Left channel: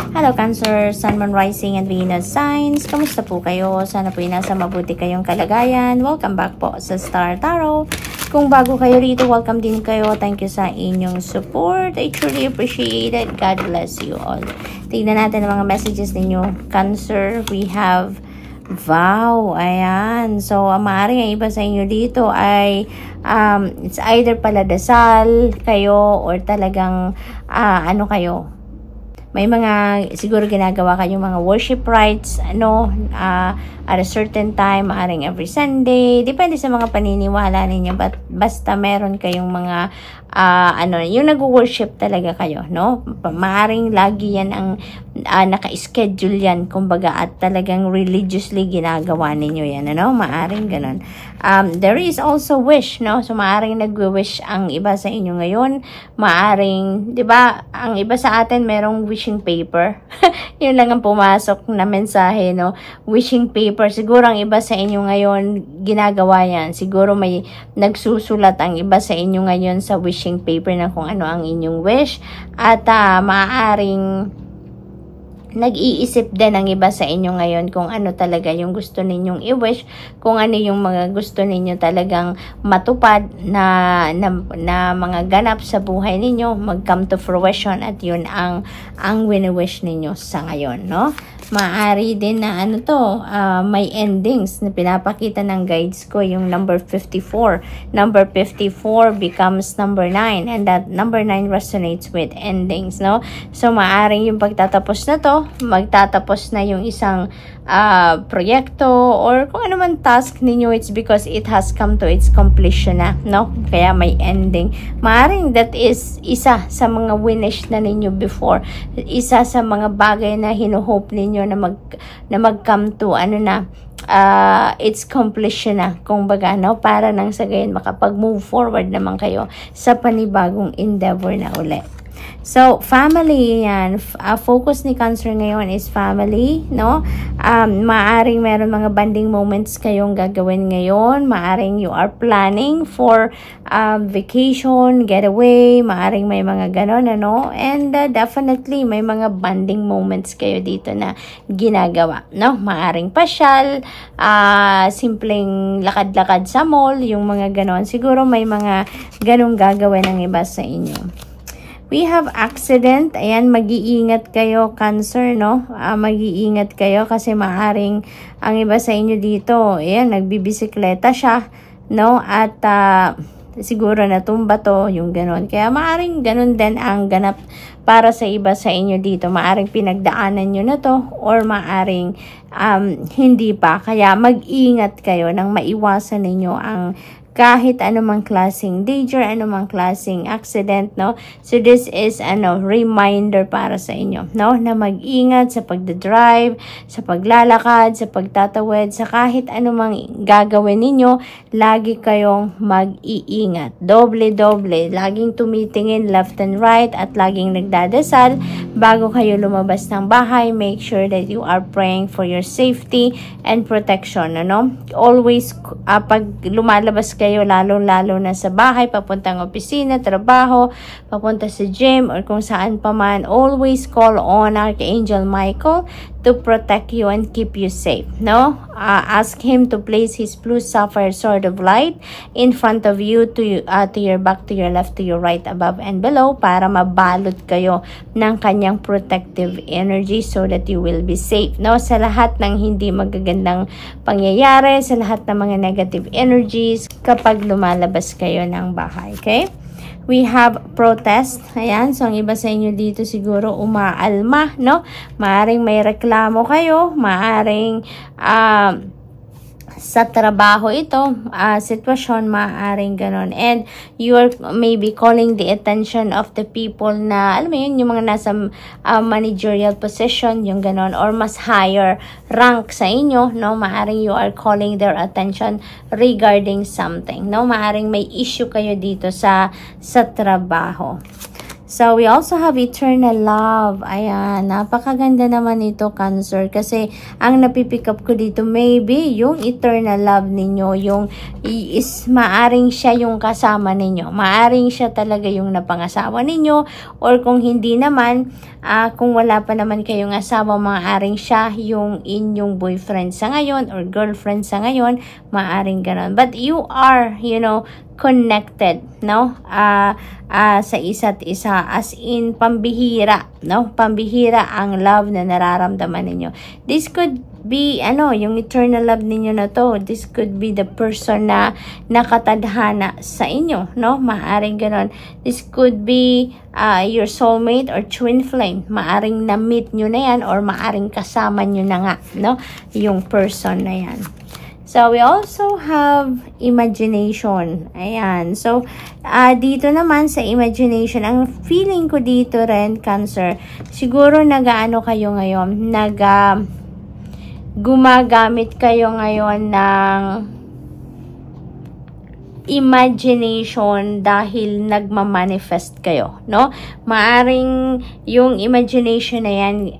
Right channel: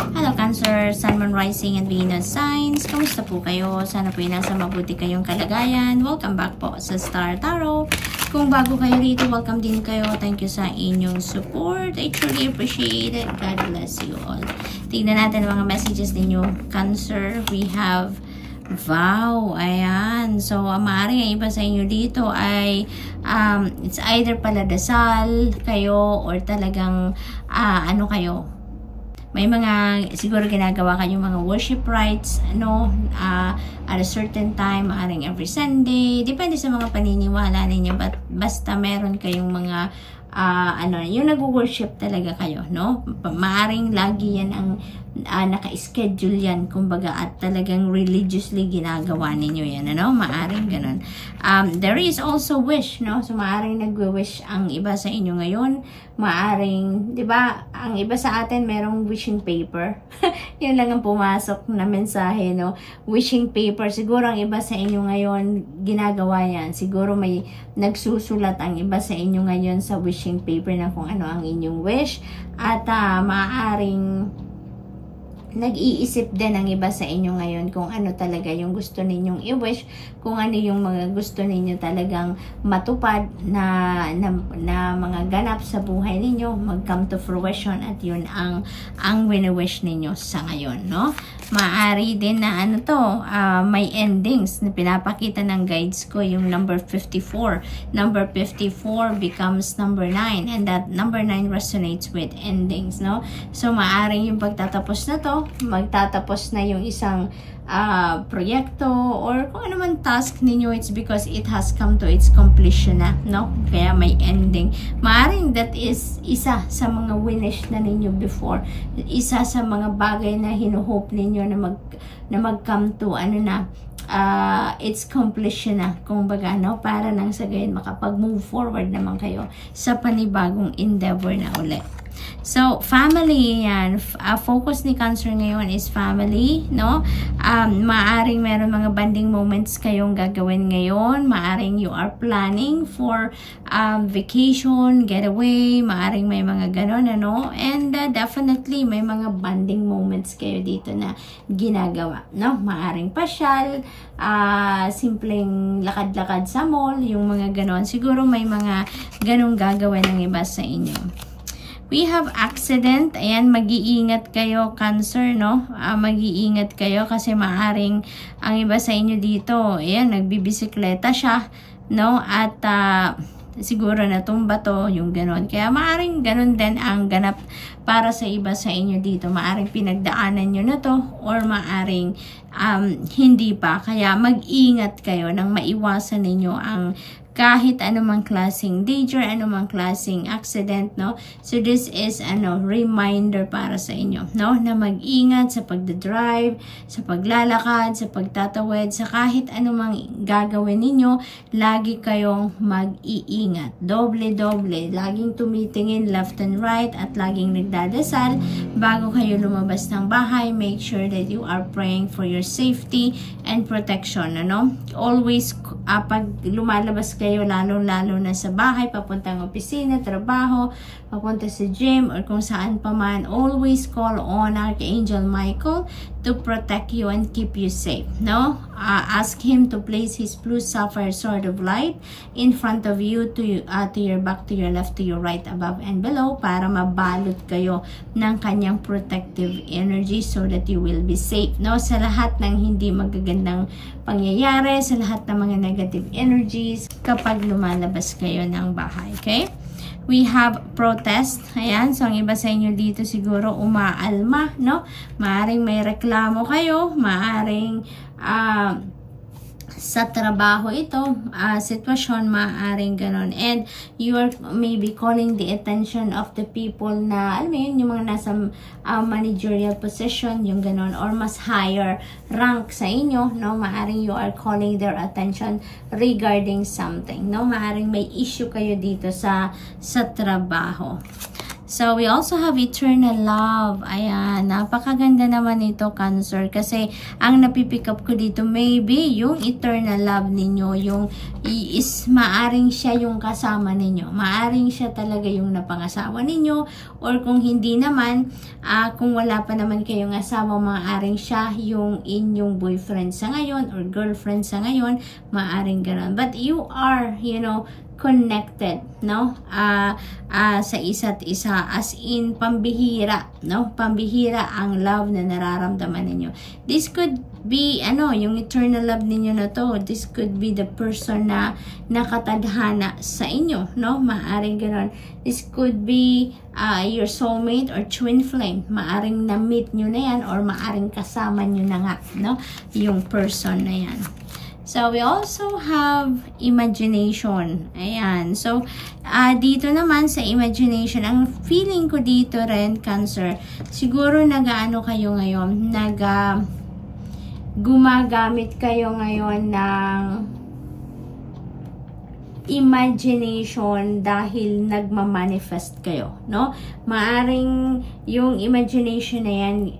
Hello Cancer, Sun, Moon, Rising, and Venus signs. Kamusta po kayo? Sana po nasa mabuti kayong kalagayan. Welcome back po sa Star Tarot. Kung bago kayo rito, welcome din kayo. Thank you sa inyong support. I truly appreciate it. God bless you all. Tignan natin ang mga messages ninyo. Cancer, we have vow. Ayan. So, maaaring ang iba sa inyo dito ay it's either paladasal kayo or talagang ano kayo. May mga siguro ginagawa kayong mga worship rites at a certain time, maaaring every Sunday. Depende sa mga paniniwala ninyo. But basta meron kayong mga yung nag-worship talaga kayo, no? Maaring lagi yan ang naka-schedule yan, kumbaga, at talagang religiously ginagawa ninyo yan, ano? Maaring ganun. There is also wish, no? So, maaring nag-wish ang iba sa inyo ngayon. Maaring, di ba, ang iba sa atin merong wishing paper. Yun lang ang pumasok na mensahe, no? Wishing paper. Siguro ang iba sa inyo ngayon ginagawa yan. Siguro may nagsusulat ang iba sa inyo ngayon sa wishing paper na kung ano ang inyong wish, at maaaring nag-iisip din ang iba sa inyo ngayon kung ano talaga yung gusto ninyong i-wish, kung ano yung mga gusto ninyo talagang matupad na mga ganap sa buhay ninyo, mag-come to fruition, at yun ang wini-wish ninyo sa ngayon, no? Maaari din na may endings na pinapakita ng guides ko, yung number 54. Number 54 becomes number 9, and that number 9 resonates with endings, no? So, maaring yung pagtatapos na to, magtatapos na yung isang proyekto or kung ano man task ninyo, it's because it has come to its completion na, no? Kaya may ending. Maaring that is isa sa mga winish na ninyo before, isa sa mga bagay na hinuhope ninyo na mag-come to its completion na, kumbaga, no? Para nang sa gayon makapag-move forward naman kayo sa panibagong endeavor na ulit. So, family yan. Focus ni Cancer ngayon is family, no? Maaring meron mga bonding moments kayong gagawin ngayon. Maaring you are planning for vacation, getaway. Maaring may mga ganon, ano? And definitely, may mga bonding moments kayo dito na ginagawa, no? Maaring pasyal, simpleng lakad-lakad sa mall, yung mga ganon. Siguro may mga ganong gagawin ng iba sa inyo. We have accident. Ayan, mag-iingat kayo, Cancer, no? Mag-iingat kayo kasi maaring ang iba sa inyo dito, ayan, nagbibisikleta siya, no? At siguro natumba to, yung ganon. Kaya maaring ganon din ang ganap para sa iba sa inyo dito. Maaring pinagdaanan nyo na to, or maaring hindi pa. Kaya mag-ingat kayo nang maiwasan ninyo ang kahit anumang klaseng danger, anumang klaseng accident, no? So, this is, reminder para sa inyo, no? Na mag-ingat sa pagdadrive, sa paglalakad, sa pagtatawid, sa kahit anumang gagawin ninyo, lagi kayong mag-iingat. Doble-doble. Laging tumitingin left and right, at laging nagdadasal bago kayo lumabas ng bahay. Make sure that you are praying for your safety and protection, ano? Always, pag lumalabas kayo, lalo-lalo na sa bahay, papuntang opisina, trabaho, papunta sa gym, or kung saan pa man, always call on Archangel Michael to protect you and keep you safe, no? Ask him to place his blue sapphire sword of light in front of you, to your back, to your left, to your right, above and below, para mabalot kayo ng kanyang protective energy so that you will be safe, no? Sa lahat ng hindi magagandang pangyayari, sa lahat ng mga negative energies kapag lumalabas kayo ng bahay, okay? We have protest. Ayan. So, ang iba sa inyo dito siguro umaalma, no? Maaring may reklamo kayo. Maaring sa trabaho ito, sitwasyon, maaaring ganon. And you are maybe calling the attention of the people na, alam mo yun, yung mga nasa managerial position, yung ganon, or mas higher rank sa inyo, no? Maaaring you are calling their attention regarding something, no? Maaaring may issue kayo dito sa trabaho. So, we also have eternal love. Ayan, napakaganda naman ito, Cancer. Kasi, ang napipick up ko dito, maybe, yung eternal love ninyo, yung maaring siya yung kasama ninyo. Maaring siya talaga yung napangasawa ninyo. Or kung hindi naman, kung wala pa naman kayong asawa, maaring siya yung inyong boyfriend sa ngayon or girlfriend sa ngayon. Maaring ganon. But you are, you know, connected, no? Sa isa't isa, as in pambihira, no? Pambihira ang love na nararamdaman ninyo. This could be, yung eternal love ninyo na to, this could be the person na nakatadhana sa inyo, no? Maaring ganon. This could be your soulmate or twin flame. Maaring na-meet nyo na yan or maaring kasama nyo na nga, no? Yung person na yan. So, we also have imagination. Ayan. So, dito naman sa imagination, ang feeling ko dito rin, Cancer, siguro nag-ano kayo ngayon, gumagamit kayo ngayon ng imagination dahil nagmamanifest kayo, no? Maaring yung imagination na yan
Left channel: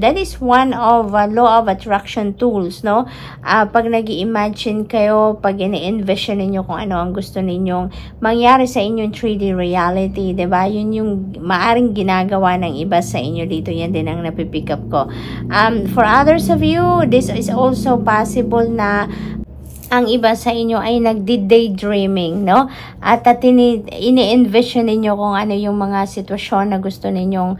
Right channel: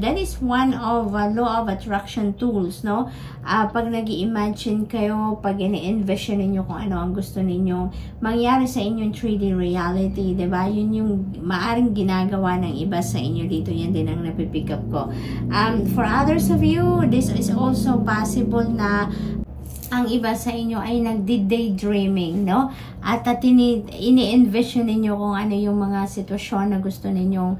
that is one of law of attraction tools, no? Pag nag-imagine kayo, pag ini-envision ninyo kung ano ang gusto ninyong mangyari sa inyong 3D reality, diba? Yun yung maaring ginagawa ng iba sa inyo dito. Yan din ang napipick up ko. For others of you, this is also possible na ang iba sa inyo ay nagdi-daydreaming, no? At ini-envision ninyo kung ano yung mga sitwasyon na gusto ninyong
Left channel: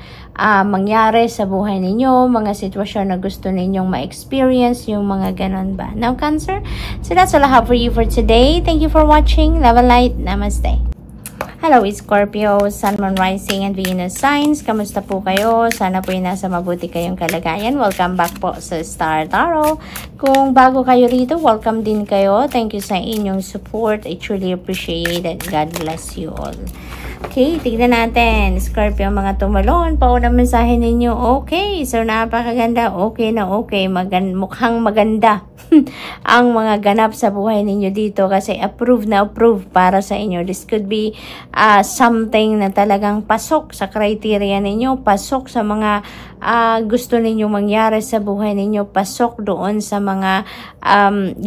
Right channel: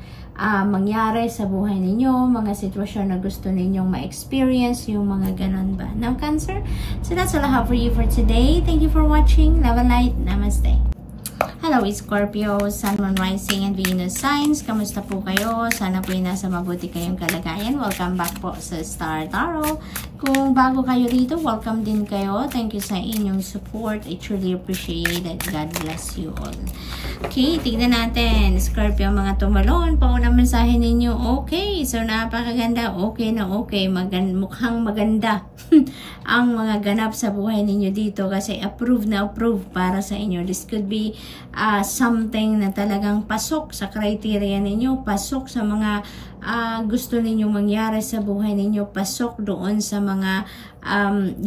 mangyari sa buhay ninyo, mga sitwasyon na gusto ninyong ma-experience, yung mga ganon ba? Now, Cancer? So, that's all I have for you for today. Thank you for watching. Love and light. Namaste. Hello, Scorpio, Sun, Moon, Rising, and Venus signs. Kamusta po kayo? Sana po ay nasa mabuti kayong kalagayan. Welcome back po sa Star Tarot. Kung bago kayo rito, welcome din kayo. Thank you sa inyong support. I truly appreciate it. God bless you all. Okay, tignan natin. Scorpio, mga tumalon. Paunang mensahe ninyo. Okay, so napakaganda. Okay na okay. Mukhang maganda ang mga ganap sa buhay ninyo dito kasi approved na approved para sa inyo. This could be something na talagang pasok sa criteria ninyo, pasok sa mga gusto ninyong mangyari sa buhay ninyo, pasok doon sa mga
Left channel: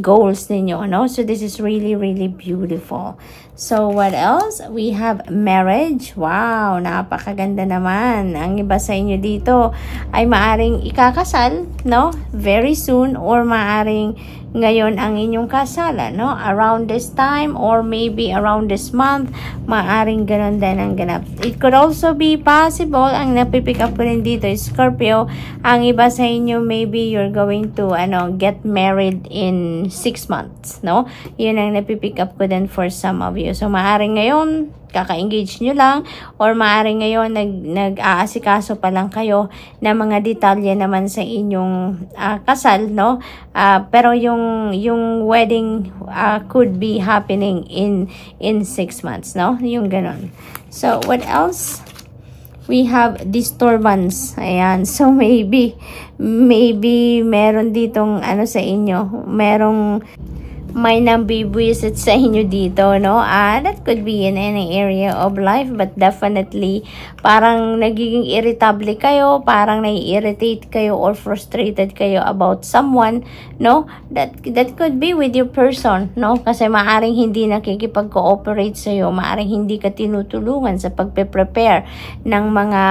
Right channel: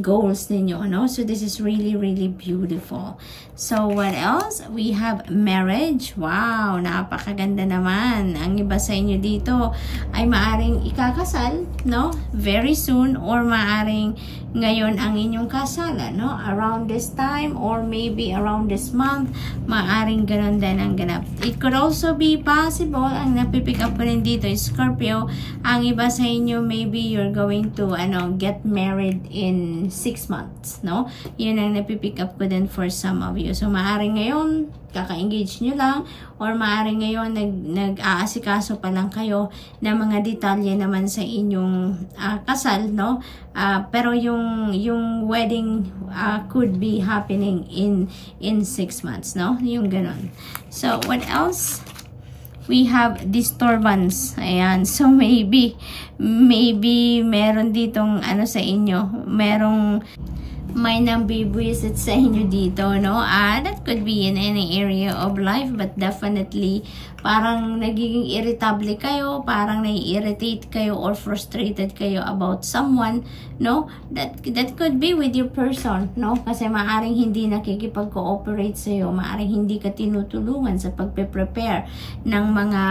goals ninyo, no? So this is really, really beautiful. So what else? We have marriage. Wow, napakaganda naman. Ang iba sa inyo dito ay maaring ikakasal, no? Very soon, or maaring ngayon ang inyong kasalan, no? Around this time or maybe around this month, maaring ganon din ang ganap. It could also be possible, ang napipick up ko rin dito is Scorpio, ang iba sa inyo maybe you're going to get married in 6 months, no? Yun ang napipick up ko din for some of you. So maaring ngayon kaka-engage nyo lang, or maaring ngayon nag-aasikaso pa lang kayo na mga detalye naman sa inyong kasal, no? Pero yung wedding could be happening in 6 months, no? Yung ganon. So what else? We have disturbance. Ayan. So maybe meron ditong sa inyo, may nambibwisit sa inyo dito, no? That could be in any area of life, but definitely parang nagiging irritable kayo, parang nai-irritate kayo or frustrated kayo about someone, no? That could be with your person, no? Kasi maaring hindi nakikipag-cooperate sa iyo, maaring hindi ka tinutulungan sa pagpe-prepare ng mga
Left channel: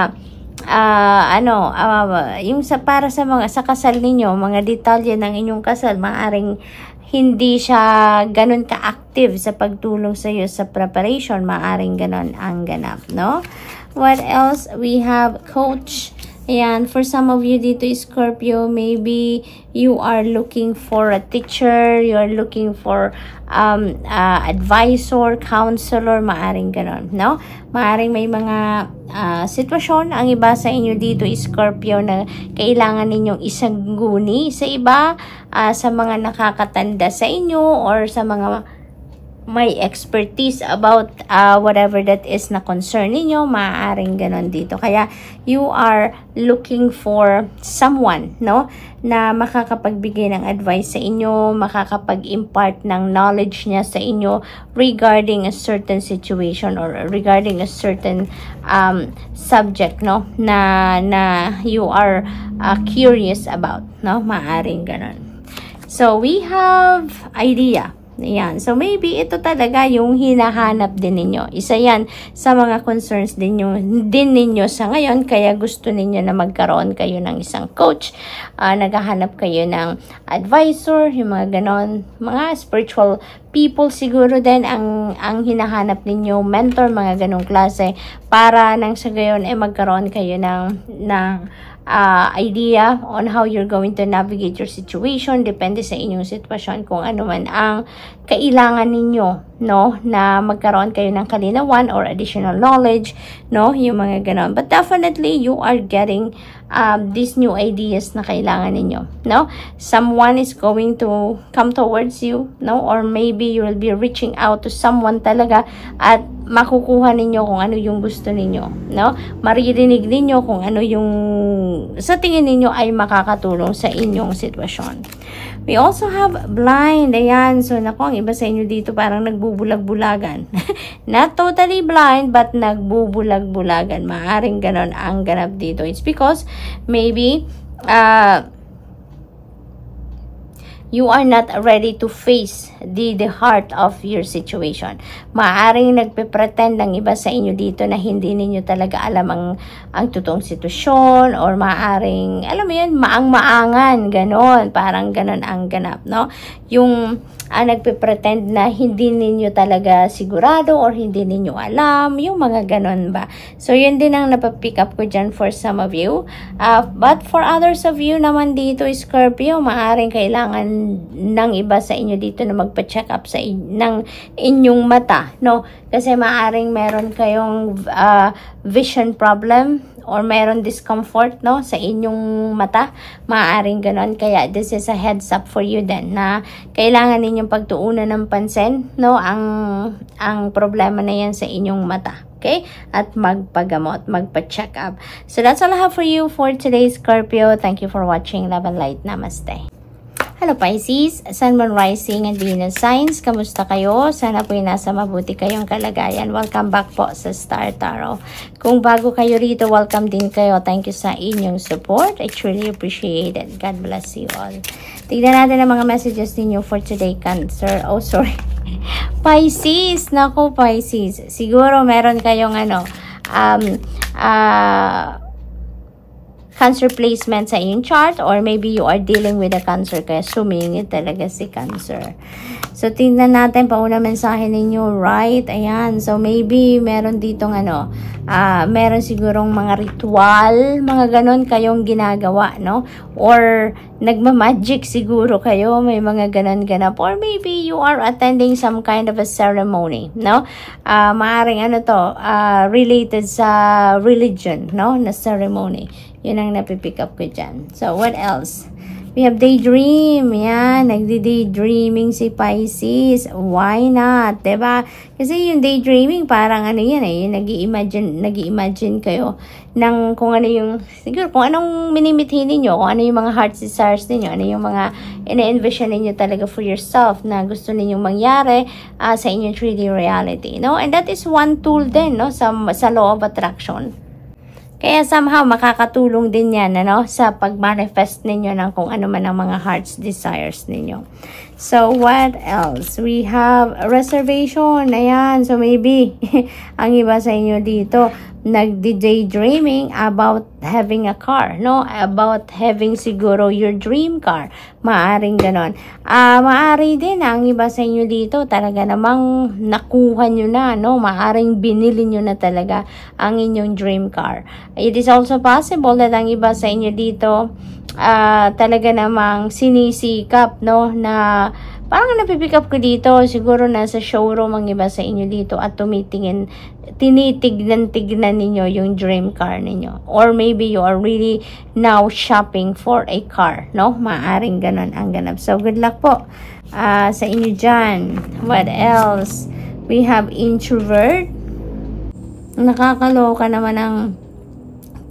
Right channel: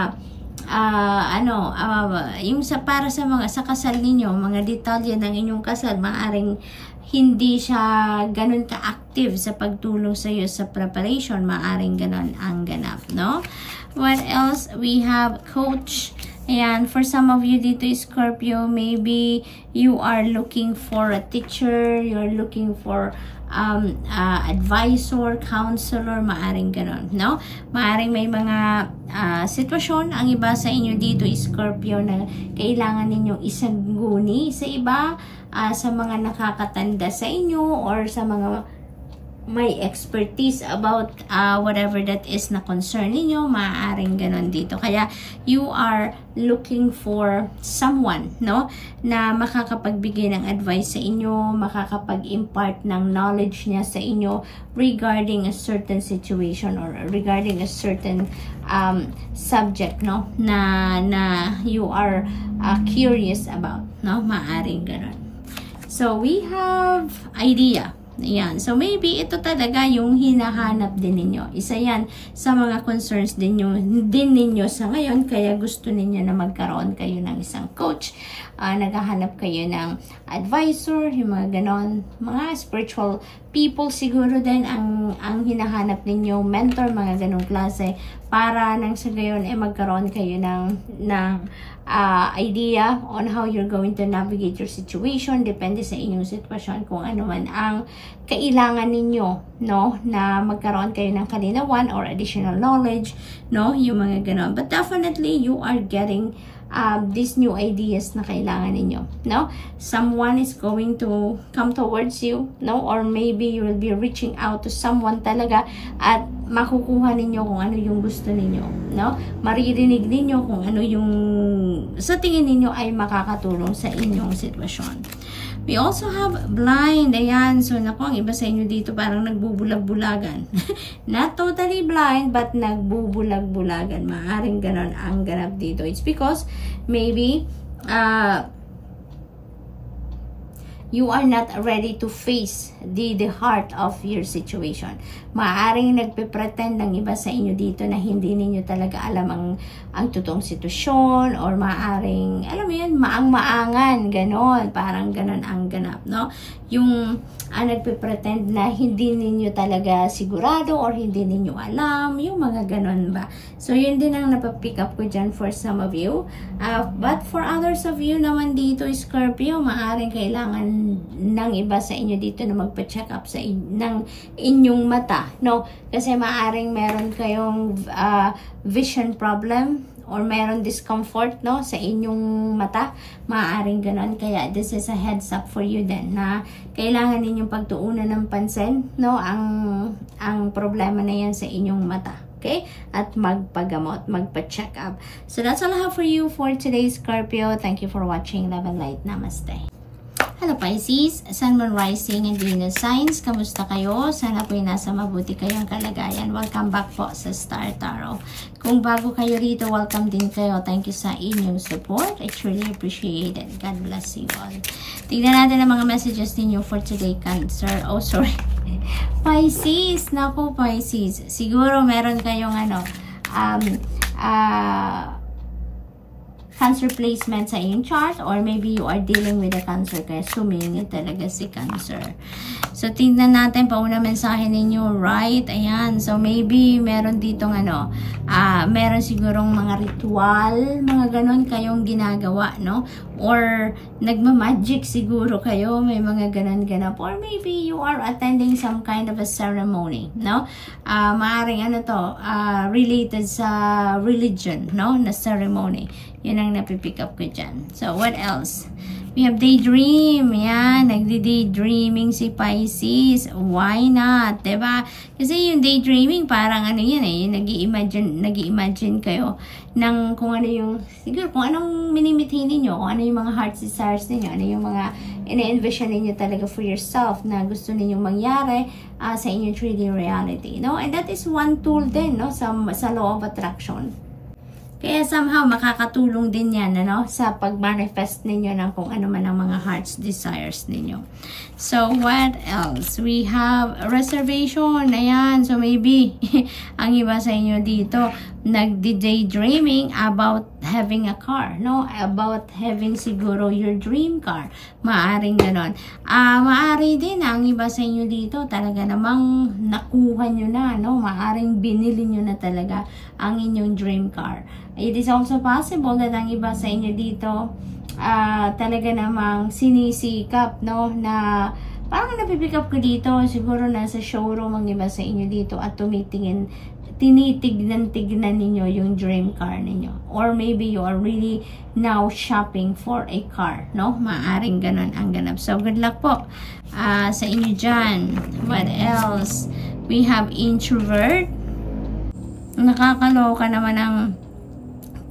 yung para sa kasal ninyo, mga detalye ng inyong kasal, maaring hindi siya ganun ka-active sa pagtulong sa iyo sa preparation, maaring ganun ang ganap, no? What else? We have coach. Ayan, for some of you dito, Scorpio, maybe you are looking for a teacher, you are looking for advisor, counselor, maaring ganon, no? Maaring may mga sitwasyon, ang iba sa inyo dito, Scorpio, na kailangan ninyong isagguni sa iba, sa mga nakakatanda sa inyo, or sa mga may expertise about whatever that is na concern ninyo, maaaring ganon dito. Kaya you are looking for someone, no, na makakapagbigay ng advice sa inyo, makakapag-impart ng knowledge niya sa inyo regarding a certain situation or regarding a certain subject, no, na you are curious about, no, maaaring ganon. So we have idea. Ayan. So, maybe ito talaga yung hinahanap din ninyo. Isa yan sa mga concerns din ninyo sa ngayon. Kaya gusto ninyo na magkaroon kayo ng isang coach. Naghahanap kayo ng advisor, yung mga ganon. Mga spiritual people siguro din ang hinahanap ninyo. Mentor, mga ganong klase. Para nang sa gayon magkaroon kayo ng idea on how you're going to navigate your situation. Depende sa inyong sitwasyon kung ano man ang kailangan ninyo, no, na magkaroon kayo ng kalinawan or additional knowledge, no, yung mga ganon. But definitely you are getting these new ideas na kailangan ninyo, no. Someone is going to come towards you, no, or maybe you will be reaching out to someone talaga at makukuha ninyo kung ano yung gusto ninyo, no. Maririnig ninyo kung ano yung sa tingin ninyo ay makakatulong sa inyong sitwasyon. We also have blind. Ayan. So, naku, ang iba sa inyo dito parang nagbubulag-bulagan. Not totally blind, but nagbubulag-bulagan. Maaring ganon ang ganap dito. It's because maybe you are not ready to face the heart of your situation. Maaaring nagpe-pretend ng iba sa inyo dito na hindi ninyo talaga alam ang totoong sitwasyon, or maaaring, alam mo yun, maang-maangan, ganon, parang ganon ang ganap, no? Yung nagpe-pretend na hindi ninyo talaga sigurado or hindi ninyo alam, yung mga ganon ba. So, yun din ang napapick up ko dyan for some of you. But for others of you naman dito, Scorpio, maaaring kailangan ng iba sa inyo dito na magpa-check up ng inyong mata, no? Kasi maaaring meron kayong vision problem or meron discomfort, no, sa inyong mata. Maaaring ganon. Kaya this is a heads up for you then na kailangan ninyong pagtuunan ng pansin, no, ang problema na yan sa inyong mata. Okay? At magpagamot, magpa-check up. So that's all I have for you for today, Scorpio. Thank you for watching. Love and light. Namaste. Hello Pisces, Sun, Moon, Rising, and Venus signs. Kamusta kayo? Sana po'y nasa mabuti kayong kalagayan. Welcome back po sa Star Tarot. Kung bago kayo rito, welcome din kayo. Thank you sa inyong support. I truly appreciate it. God bless you all. Tignan natin ang mga messages ninyo for today, Cancer. Oh, sorry. Pisces. Naku, Pisces. Siguro meron kayong Cancer placement sa inyong chart, or maybe you are dealing with a Cancer kaya sumingit talaga si Cancer. So, tingnan natin pauna mensahe ninyo, right? Ayan. So, maybe meron ditong meron sigurong mga ritual, mga ganon kayong ginagawa, no? Or nagmamagic siguro kayo, may mga ganon ganap. Or maybe you are attending some kind of a ceremony, no? Maaring related sa religion, no? Na ceremony. Yun ang napipick up ko dyan. So, what else? We have daydream. Yan, nagdi-daydreaming si Pisces. Why not? Diba? Kasi yung daydreaming, parang yan nag-i-imagine kayo ng kung ano yung, siguro, kung anong minimithi ninyo, kung ano yung mga heart desires ninyo, ano yung mga ina-envision ninyo talaga for yourself na gusto ninyong mangyari sa inyong 3D reality. No? And that is one tool din, no? Sa law of attraction. Kaya somehow makakatulong din yan sa pag-manifest ninyo ng kung ano man ang mga heart's desires ninyo. So, what else? We have a reservation. Ayan. So, maybe ang iba sa inyo dito nag-daydreaming about having a car, no? About having siguro your dream car. Maaring ganon. Maari din ang iba sa inyo dito talaga namang nakuha nyo na, no? Maaring binili nyo na talaga ang inyong dream car. It is also possible that ang iba sa inyo dito talaga namang sinisikap, no? Na parang napipick up ko dito, siguro nasa showroom ang iba sa inyo dito at tinitignan-tignan ninyo yung dream car ninyo. Or maybe you are really now shopping for a car, no? Maaring ganon ang ganap. So, good luck po sa inyo dyan. What else? We have introvert. Nakakaloka naman ang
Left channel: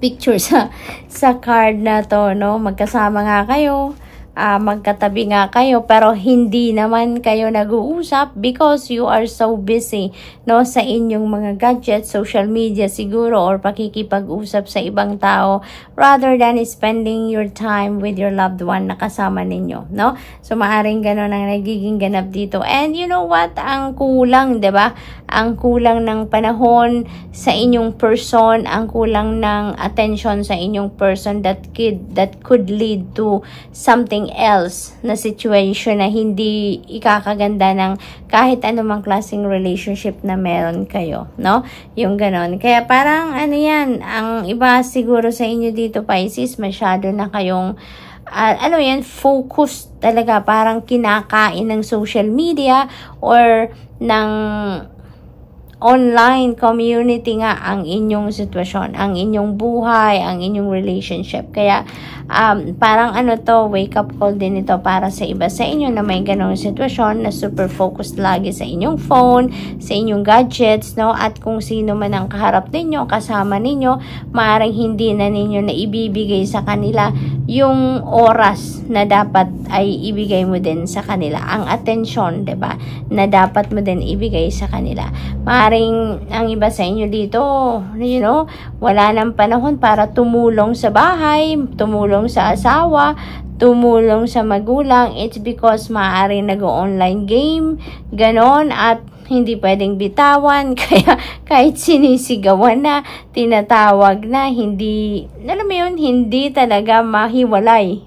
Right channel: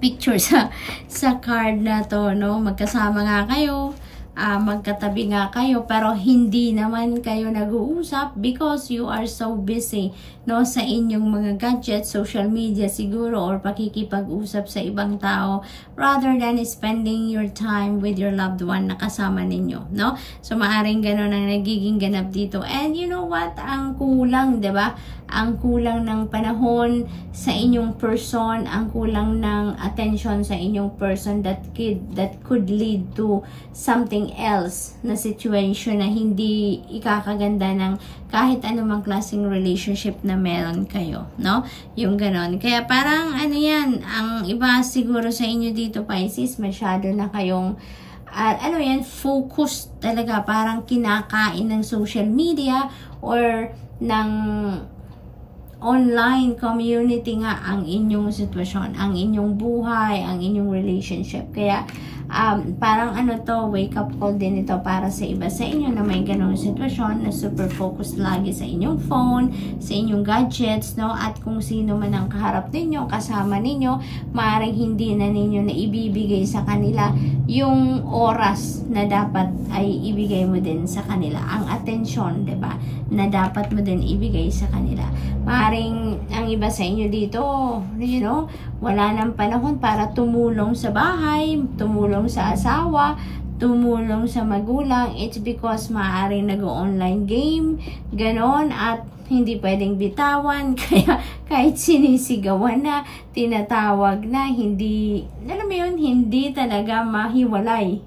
picture sa card na to, no? Magkasama nga kayo. Magkatabi nga kayo pero hindi naman kayo nag-uusap because you are so busy, no, sa inyong mga gadgets, social media siguro, or pakikipag-usap sa ibang tao rather than spending your time with your loved one na kasama ninyo, no? So maaring gano'n ang nagiging ganap dito. And you know what? Ang kulang, 'di ba? Ang kulang ng panahon sa inyong person, ang kulang ng attention sa inyong person that could lead to something else na situation na hindi ikakaganda ng kahit anumang klaseng relationship na meron kayo, no? Yung ganon. Kaya parang ano yan, ang iba siguro sa inyo dito, Pisces, masyado na kayong ano yan, focus talaga, parang kinakain ng social media or ng online community nga ang inyong sitwasyon, ang inyong buhay, ang inyong relationship. Kaya parang ano to, wake up call din ito para sa iba sa inyo na may ganong sitwasyon na super focused lagi sa inyong phone, sa inyong gadgets, no? At kung sino man ang kaharap ninyo, kasama ninyo, maaaring hindi na ninyo na ibibigay sa kanila yung oras na dapat ay ibigay mo din sa kanila, ang attention, 'di ba, na dapat mo din ibigay sa kanila. Maaaring ang iba sa inyo dito, you know, wala nang panahon para tumulong sa bahay, tumulong sa asawa, tumulong sa magulang. It's because maaaring nag-online game, ganon, at hindi pwedeng bitawan, kaya kahit sinisigawan na, tinatawag na, hindi, alam mo yun, hindi talaga mahiwalay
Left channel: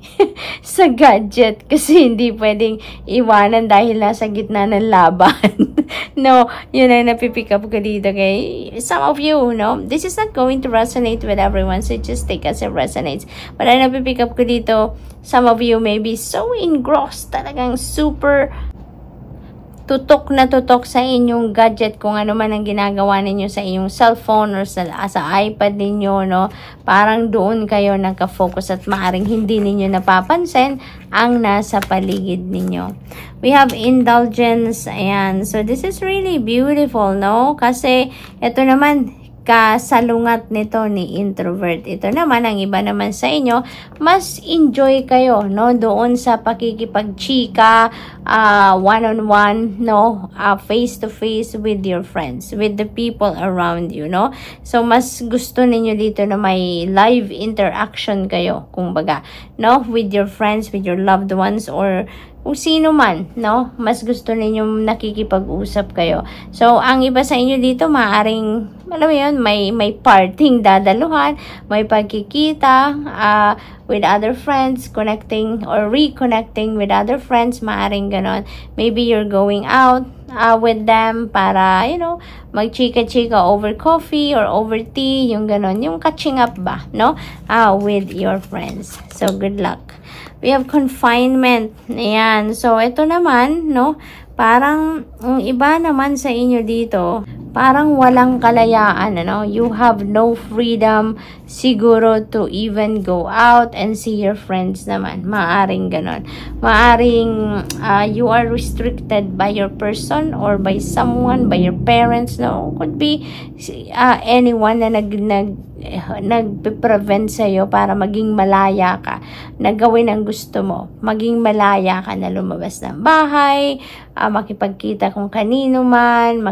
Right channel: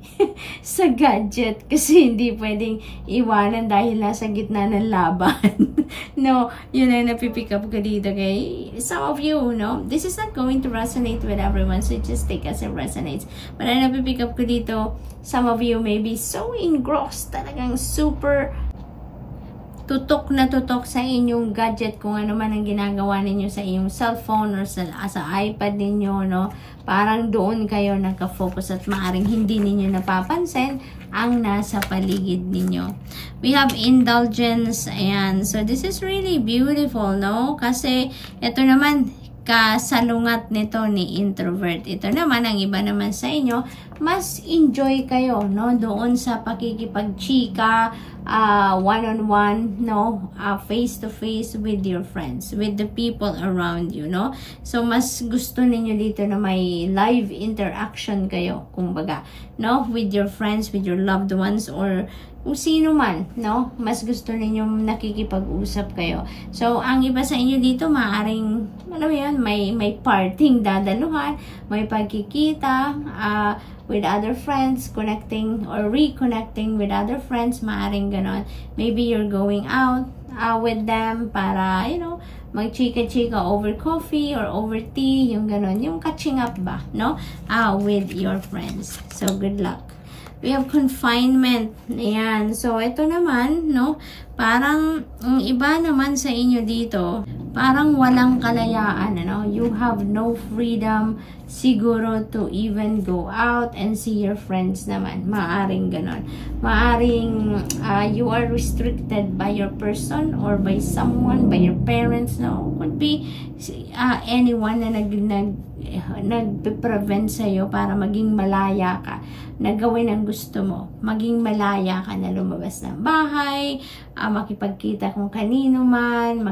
sa gadget kasi hindi pwedeng iwanan dahil nasa gitna ng laban. No, yun ang napipick up ko dito kay some of you, no? This is not going to resonate with everyone, so just take as it resonates. But ang napipick up ko dito, some of you may be so engrossed, talagang super tutok na tutok sa inyong gadget, kung ano man ang ginagawa ninyo sa inyong cellphone or sa iPad ninyo, no? Parang doon kayo nagka-focus at maaring hindi ninyo napapansin ang nasa paligid ninyo. We have indulgence. Ayan. So, this is really beautiful, no? Kasi, ito naman, kasalungat nito ni introvert. Ito naman, ang iba naman sa inyo, mas enjoy kayo, no? Doon sa pakikipagchika, one-on-one, no? Face-to-face with your friends, with the people around you, no? So, mas gusto ninyo dito na may live interaction kayo, kumbaga, no? With your friends, with your loved ones, or kung sino man, no? Mas gusto ninyo nakikipag-usap kayo. So, ang iba sa inyo dito, maaring, alam mo yun, may parting dadaluhan, may pagkikita, with other friends, connecting or reconnecting with other friends, maaring ganon. Maybe you're going out with them para, you know, magchika-chika over coffee or over tea, yung ganon, yung catching up ba, no? With your friends. So, good luck. We have confinement. Ayan. So, ito naman, no? Parang, iba naman sa inyo dito, parang walang kalayaan, ano? You have no freedom siguro to even go out and see your friends naman. Maaring ganon. Maaring you are restricted by your person or by someone, by your parents, no? Could be anyone na nagpe-prevent sa'yo para maging malaya ka, na gawin ang gusto mo. Maging malaya ka na lumabas ng bahay, makipagkita kung kanino man,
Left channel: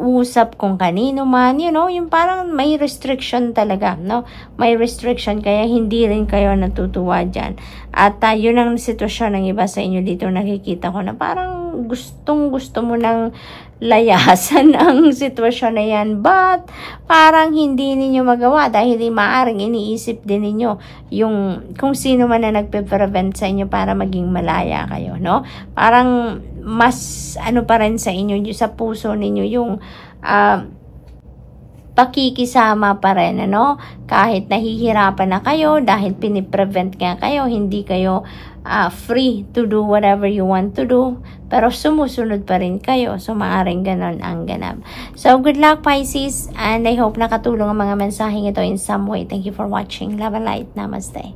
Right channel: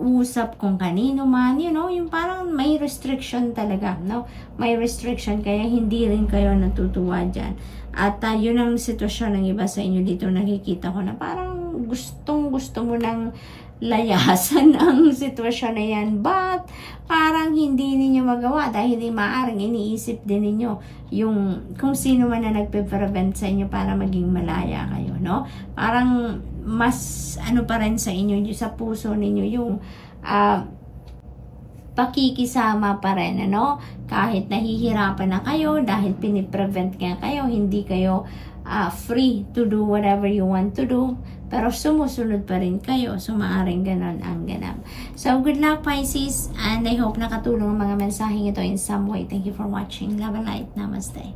usap kung kanino man, you know, yung parang may restriction talaga, no? May restriction, kaya hindi rin kayo natutuwa dyan. At yun ang sitwasyon ng iba sa inyo dito, nakikita ko na parang gusto mo nang layasan ang sitwasyon na yan, but parang hindi ninyo magawa dahil maaring iniisip din ninyo yung kung sino man na nagpe-prevent sa inyo para maging malaya kayo, no? Parang mas ano pa rin sa inyo, sa puso ninyo yung pakikisama pa rin, ano? Kahit nahihirapan na kayo dahil piniprevent nga kayo, hindi kayo free to do whatever you want to do, pero sumusunod pa rin kayo. So, maaaring ganon ang ganap. So, good luck, Pisces, and I hope nakatulong ang mga mensaheng ito in some way. Thank you for watching. Love and light. Namaste.